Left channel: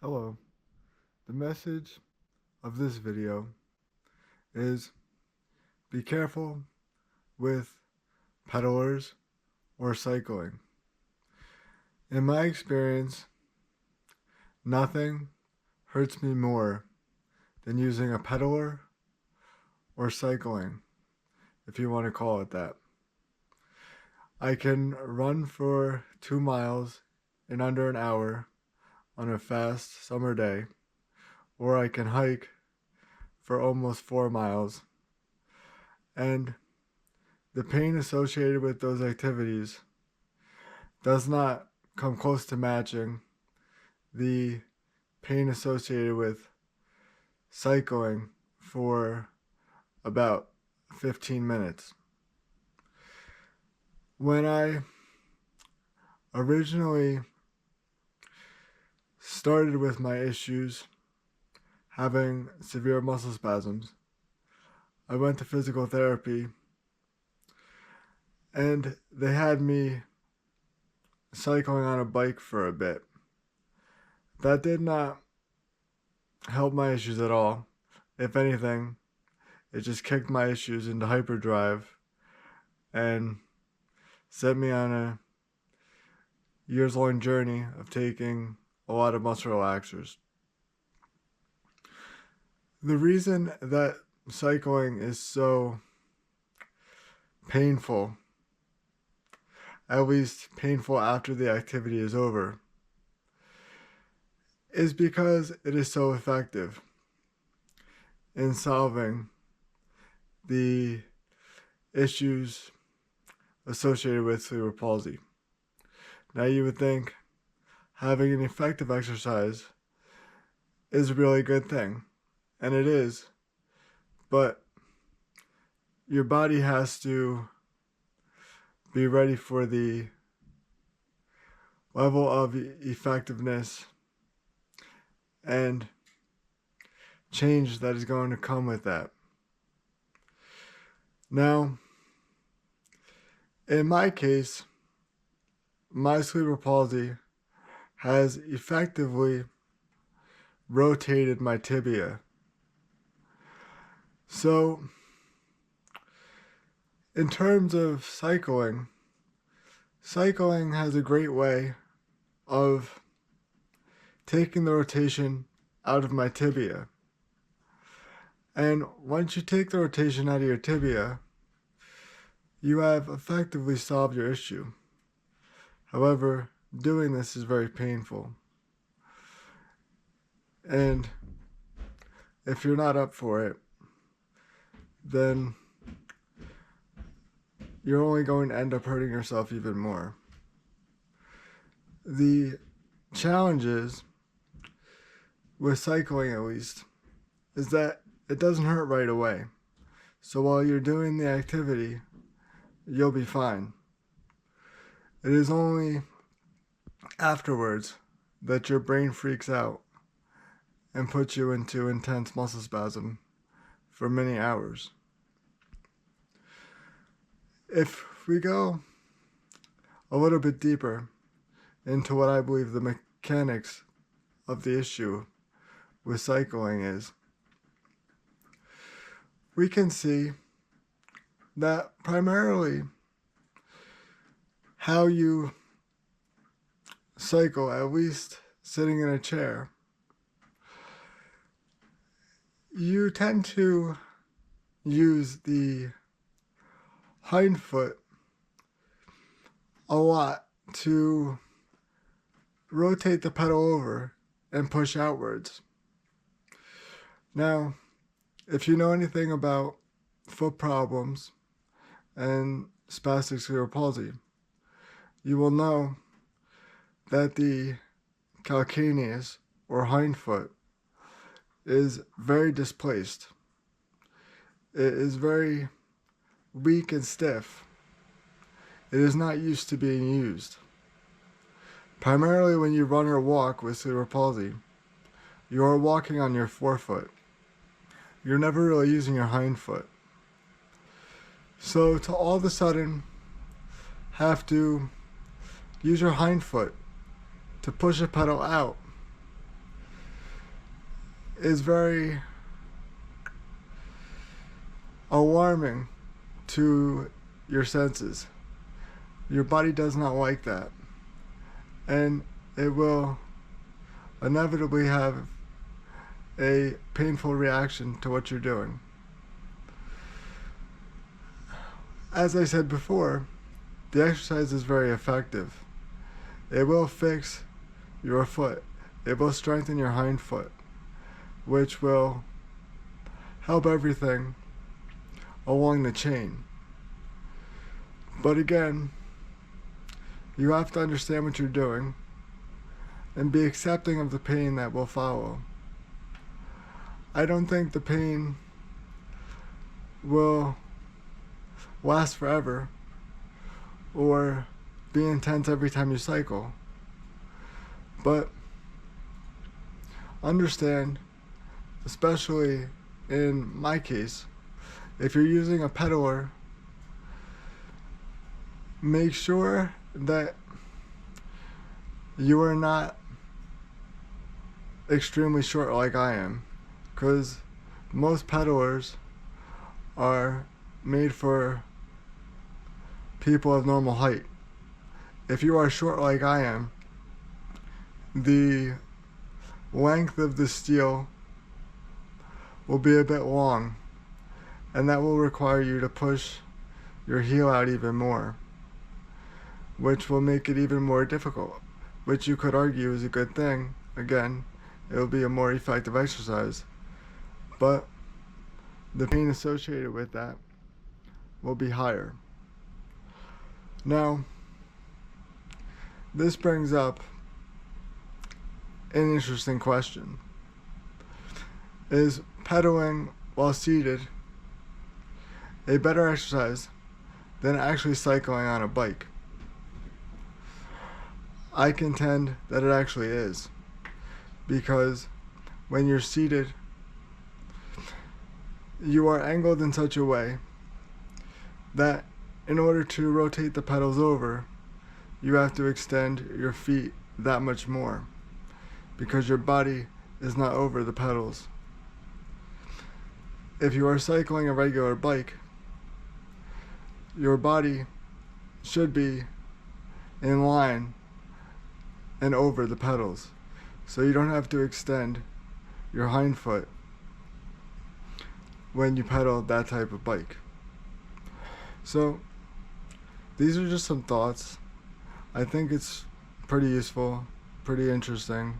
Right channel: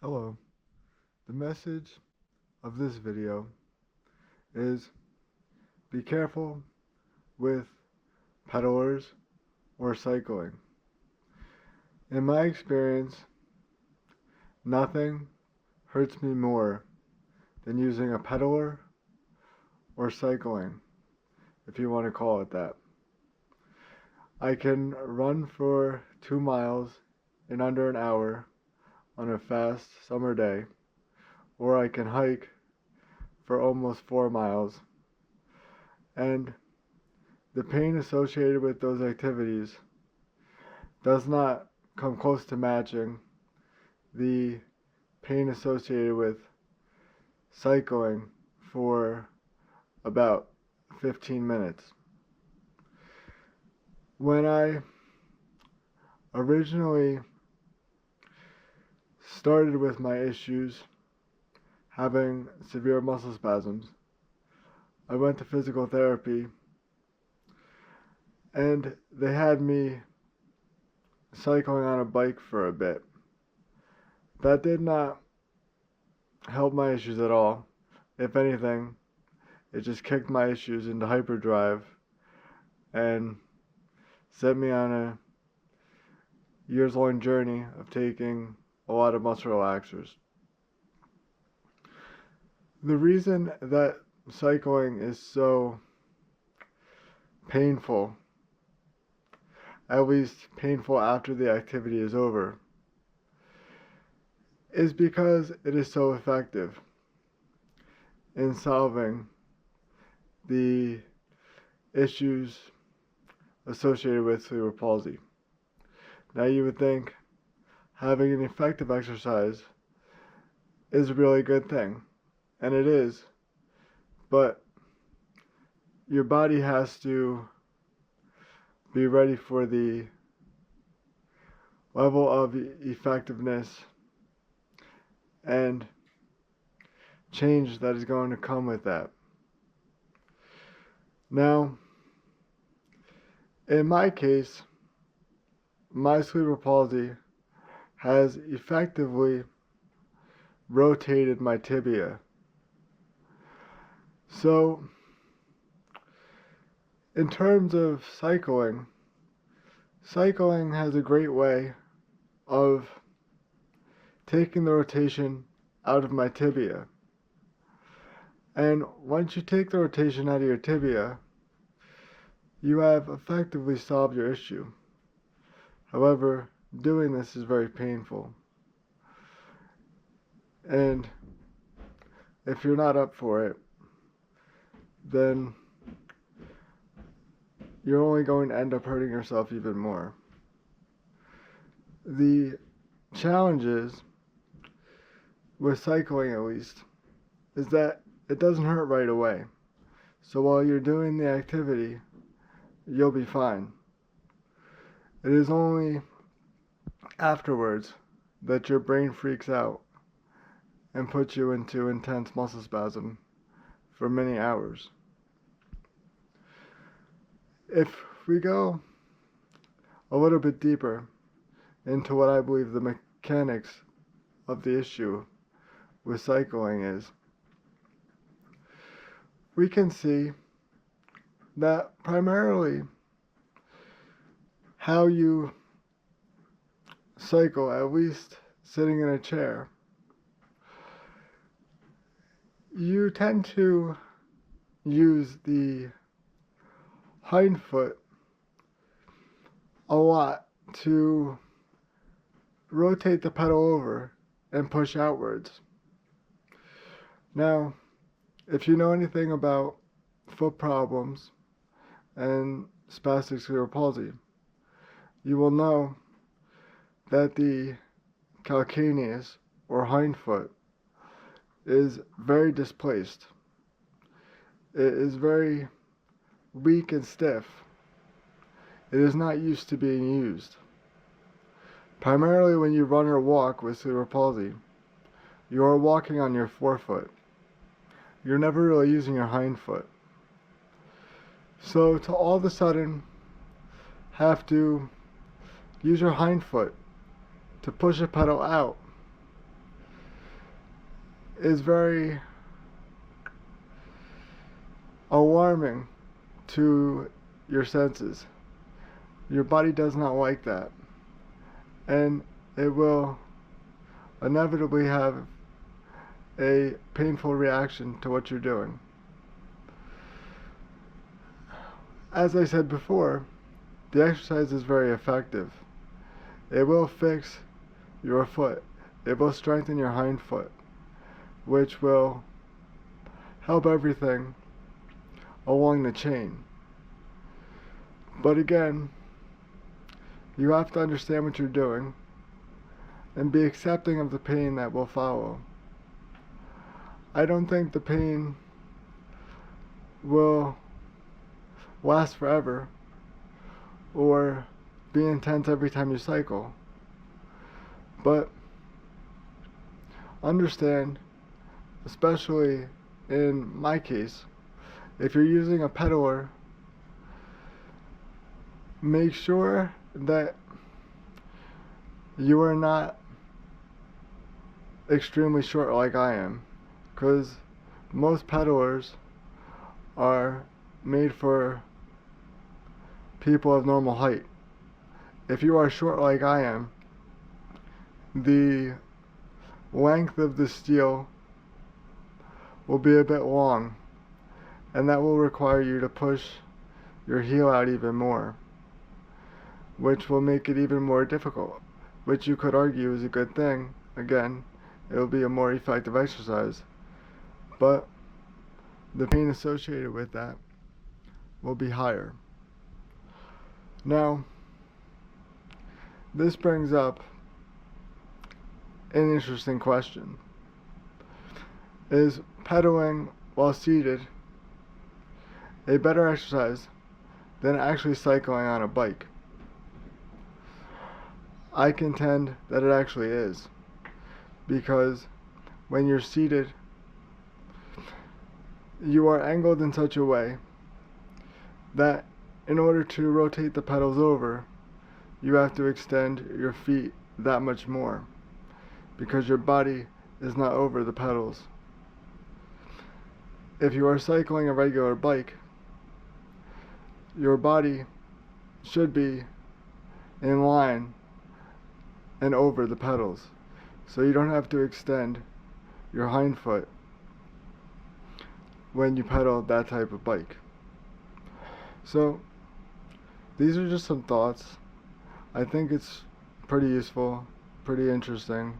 Hello. The message of this video is be careful with pedalers or cycling. In my experience, nothing hurts me more than using a pedaler or cycling, if you want to call it that. I can run for 2 miles in under an hour on a fast summer day, or I can hike for almost 4 miles. And the pain associated with those activities does not come close to matching the pain associated with cycling for about 15 minutes. When I originally started with my issues having severe muscle spasms, I went to physical therapy and they had me cycling on a bike for a bit. That did not help my issues at all. If anything, it just kicked my issues into hyperdrive and set me on a years-long journey of taking a lot of muscle relaxers. The reason that cycling is so painful, at least painful after the activity is over, is because it is so effective in solving the issues associated with cerebral palsy. Now you would think having an effective exercise is a really good thing, and it is, but your body has to be ready for the level of effectiveness and change that is going to come with that. Now, in my case, my cerebral palsy has effectively rotated my tibia. So, in terms of cycling has a great way of taking the rotation out of my tibia. And once you take the rotation out of your tibia, you have effectively solved your issue. However, doing this is very painful. And if you're not up for it, then you're only going to end up hurting yourself even more. The challenges with cycling, at least, is that it doesn't hurt right away. So while you're doing the activity, you'll be fine. It is only afterwards that your brain freaks out and puts you into intense muscle spasm for many hours. If we go a little bit deeper into what I believe the mechanics of the issue with cycling is, we can see that primarily how you cycle, at least sitting in a chair, you tend to use the hind foot a lot to rotate the pedal over and push outwards. Now, if you know anything about foot problems and spastic cerebral palsy, you will know that the calcaneus or hind foot is very displaced. It is very weak and stiff. It is not used to being used. Primarily when you run or walk with cerebral palsy, you are walking on your forefoot. You're never really using your hind foot. So to all of a sudden have to use your hind foot to push a pedal out is very alarming to your senses. Your body does not like that, and it will inevitably have a painful reaction to what you're doing. As I said before, the exercise is very effective. It will fix your foot. It will strengthen your hind foot, which will help everything along the chain. But again, you have to understand what you're doing and be accepting of the pain that will follow. I don't think the pain will last forever or be intense every time you cycle. But understand, especially in my case, if you're using a pedaler, make sure that you are not extremely short like I am, because most pedalers are made for people of normal height. If you are short like I am, the length of the steel will be a bit long, and that will require you to push your heel out even more, which will make it even more difficult, which you could argue is a good thing. Again, it will be a more effective exercise, but the pain associated with that will be higher. Now, this brings up an interesting question. Is pedaling while seated a better exercise than actually cycling on a bike? I contend that it actually is, because when you're seated, you are angled in such a way that in order to rotate the pedals over, you have to extend your feet that much more, because your body is not over the pedals. If you are cycling a regular bike, your body should be in line and over the pedals, so you don't have to extend your hind foot when you pedal that type of bike. So these are just some thoughts. I think it's pretty useful, pretty interesting.